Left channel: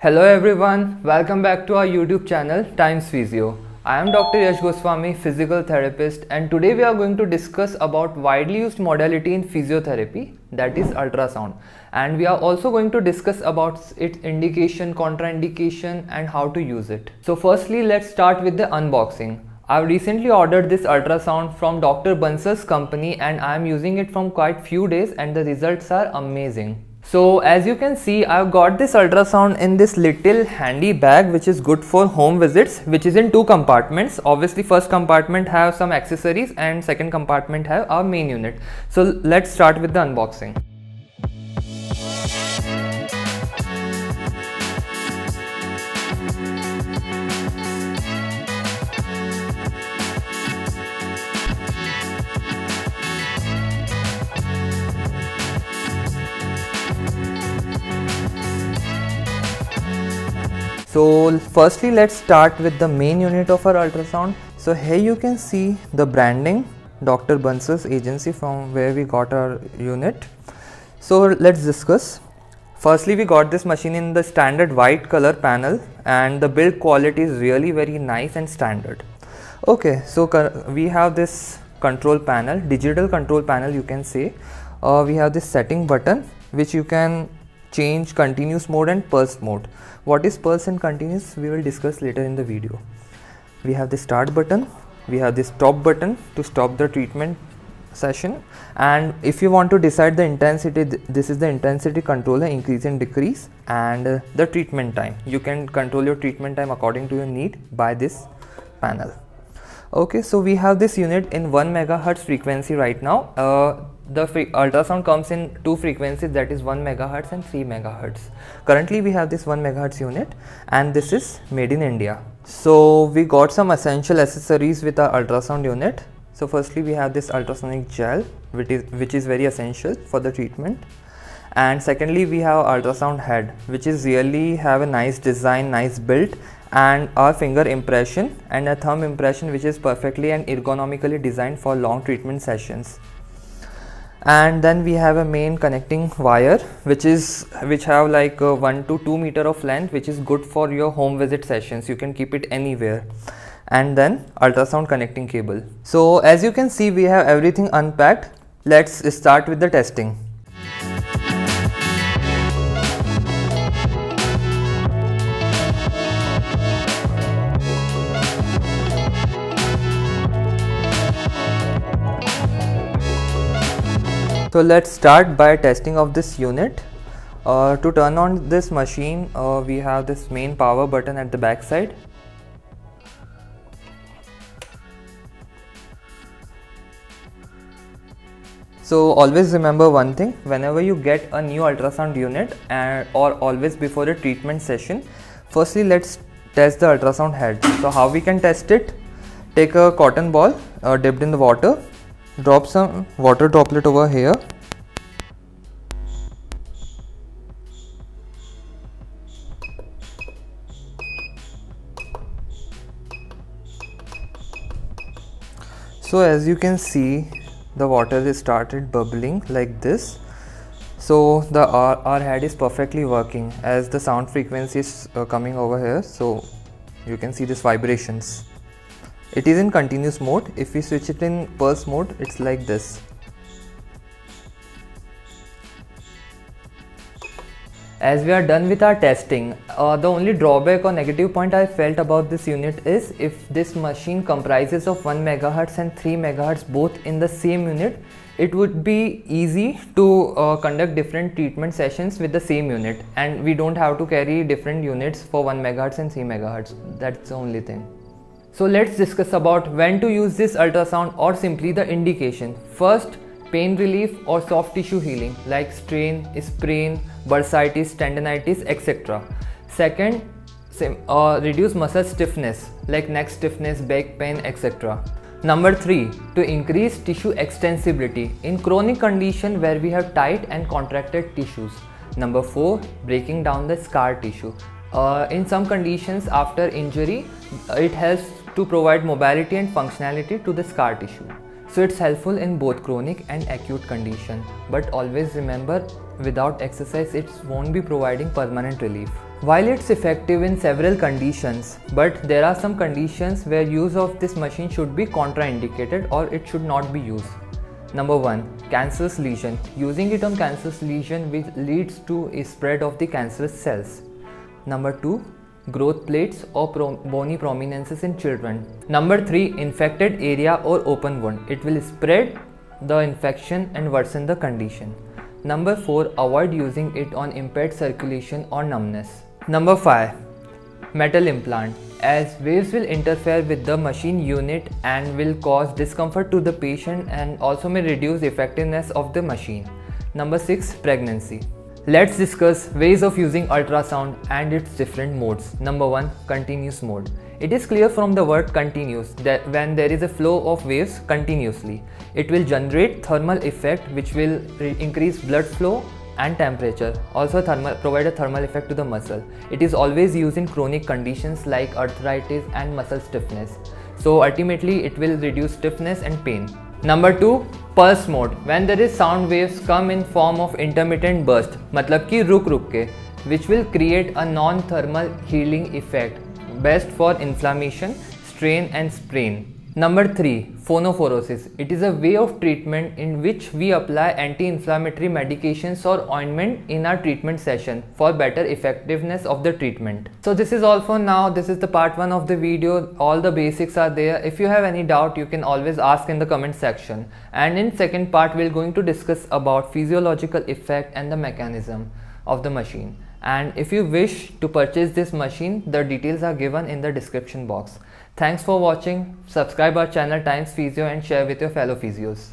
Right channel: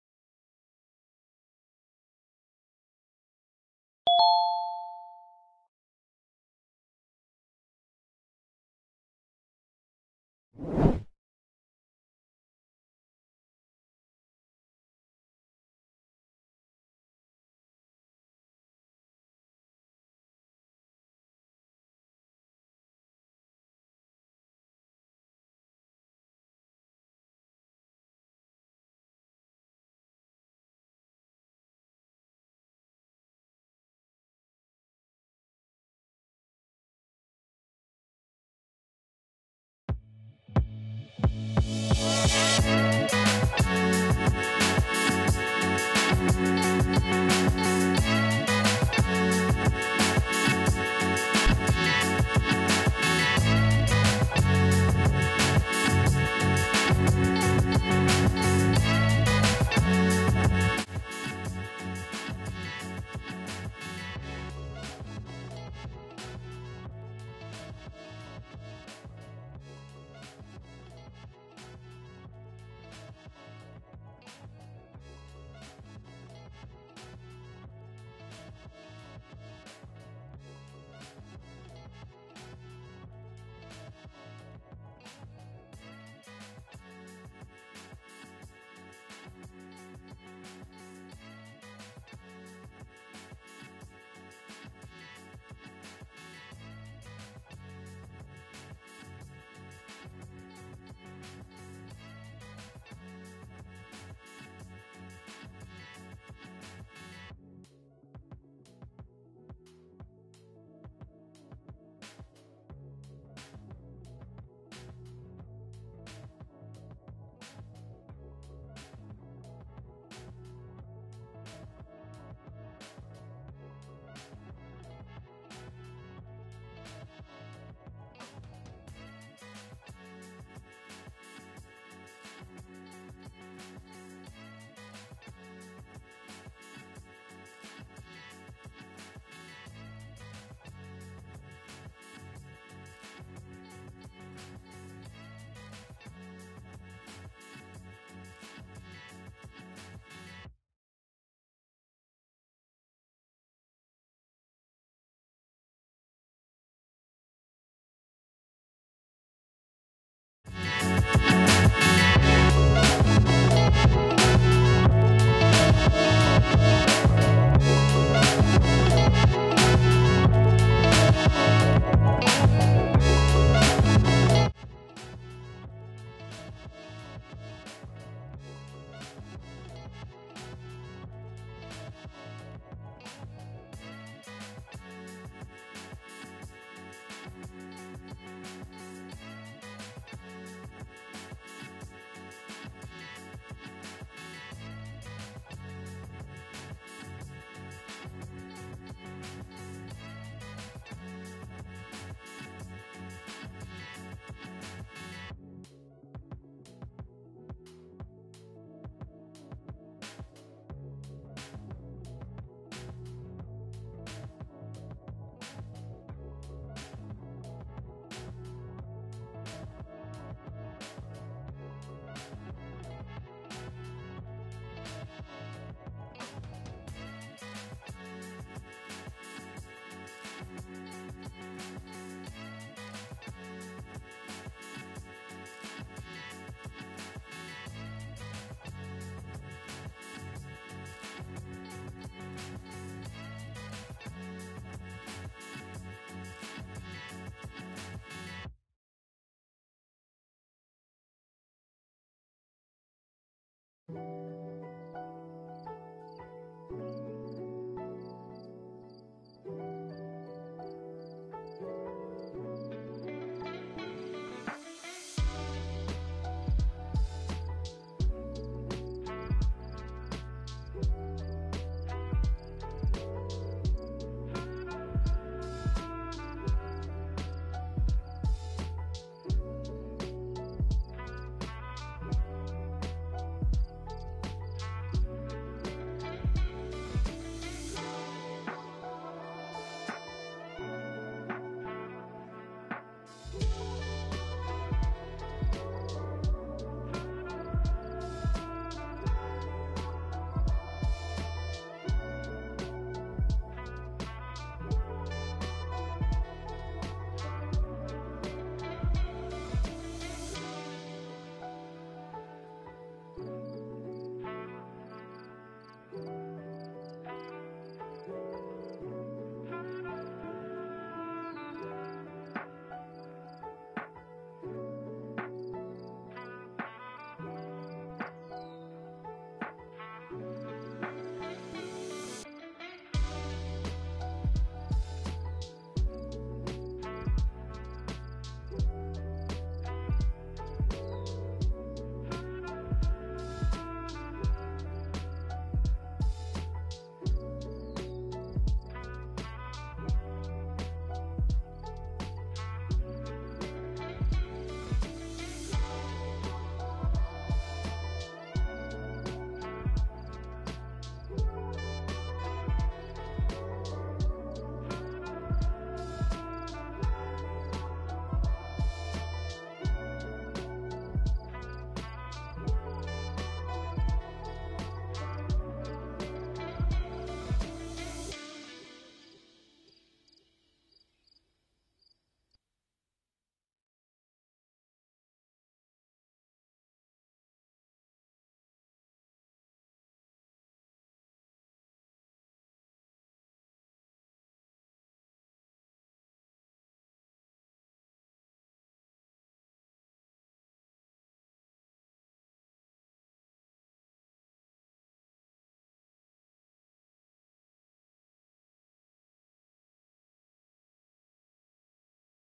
Hello everyone, welcome back to our YouTube channel Times Physio. I am Dr. Yash Goswami, physical therapist, and today we are going to discuss about widely used modality in physiotherapy, that is ultrasound. And we are also going to discuss about its indication, contraindication and how to use it. So firstly, let's start with the unboxing. I've recently ordered this ultrasound from Dr. Bansal's company and I am using it from quite few days and the results are amazing. So as you can see, I've got this ultrasound in this little handy bag which is good for home visits, which is in two compartments. Obviously first compartment have some accessories and second compartment have our main unit. So let's start with the unboxing. So firstly, let's start with the main unit of our ultrasound. So here you can see the branding, Dr. Bansal's agency from where we got our unit. So let's discuss. Firstly, we got this machine in the standard white color panel and the build quality is really very nice and standard. Okay, so we have this control panel, digital control panel you can say. We have this setting button which you can change continuous mode and pulse mode. What is pulse and continuous we will discuss later in the video. We have the start button, we have this stop button to stop the treatment session, and if you want to decide the intensity, this is the intensity controller, increase and decrease, and the treatment time. You can control your treatment time according to your need by this panel. Okay, so we have this unit in 1 megahertz frequency right now. The ultrasound comes in two frequencies, that is 1 megahertz and 3 megahertz. Currently we have this 1 megahertz unit and this is made in India. So we got some essential accessories with our ultrasound unit. So firstly we have this ultrasonic gel which is very essential for the treatment. And secondly we have ultrasound head which is really have a nice design, nice build, and our finger impression and a thumb impression which is perfectly and ergonomically designed for long treatment sessions. And then we have a main connecting wire which have like 1 to 2 meter of length, which is good for your home visit sessions. You can keep it anywhere. And then ultrasound connecting cable. So as you can see, we have everything unpacked. Let's start with the testing. So let's start by testing of this unit. To turn on this machine, we have this main power button at the back side. So always remember one thing, whenever you get a new ultrasound unit or always before a treatment session, firstly let's test the ultrasound head. So how we can test it? Take a cotton ball dipped in the water. Drop some water droplet over here. So as you can see, the water is started bubbling like this. So our head is perfectly working as the sound frequency is coming over here. So you can see these vibrations. It is in continuous mode. If we switch it in pulse mode, it's like this. As we are done with our testing, the only drawback or negative point I felt about this unit is if this machine comprises of 1 megahertz and 3 megahertz both in the same unit, it would be easy to conduct different treatment sessions with the same unit, and we don't have to carry different units for 1 megahertz and 3 megahertz. That's the only thing. So let's discuss about when to use this ultrasound or simply the indication. First, pain relief or soft tissue healing like strain, sprain, bursitis, tendinitis, etc. Second, reduce muscle stiffness like neck stiffness, back pain, etc. Number 3, to increase tissue extensibility in chronic condition where we have tight and contracted tissues. Number 4, breaking down the scar tissue. In some conditions after injury, it helps to provide mobility and functionality to the scar tissue. So it's helpful in both chronic and acute condition. But always remember, without exercise it won't be providing permanent relief. While it's effective in several conditions, but there are some conditions where use of this machine should be contraindicated or it should not be used. Number 1. Cancerous lesion. Using it on cancerous lesion which leads to a spread of the cancerous cells. Number 2. Growth plates or bony prominences in children. Number 3. Infected area or open wound. It will spread the infection and worsen the condition. Number 4. Avoid using it on impaired circulation or numbness. Number 5. Metal implant, as waves will interfere with the machine unit and will cause discomfort to the patient and also may reduce effectiveness of the machine. Number 6. Pregnancy. Let's discuss ways of using ultrasound and its different modes. Number 1. Continuous mode. It is clear from the word continuous that when there is a flow of waves continuously, it will generate thermal effect which will increase blood flow and temperature, also provide a thermal effect to the muscle. It is always used in chronic conditions like arthritis and muscle stiffness. So ultimately it will reduce stiffness and pain. Number 2. Pulse mode. When there is sound waves come in form of intermittent burst, मतलब कि रुक के, which will create a non-thermal healing effect, best for inflammation, strain and sprain. Number 3. Phonophorosis. It is a way of treatment in which we apply anti-inflammatory medications or ointment in our treatment session for better effectiveness of the treatment. So this is all for now. This is the part 1 of the video. All the basics are there. If you have any doubt, you can always ask in the comment section. And in second part, we're going to discuss about physiological effect and the mechanism of the machine. And if you wish to purchase this machine, the details are given in the description box. Thanks for watching. Subscribe our channel Times Physio and share with your fellow physios.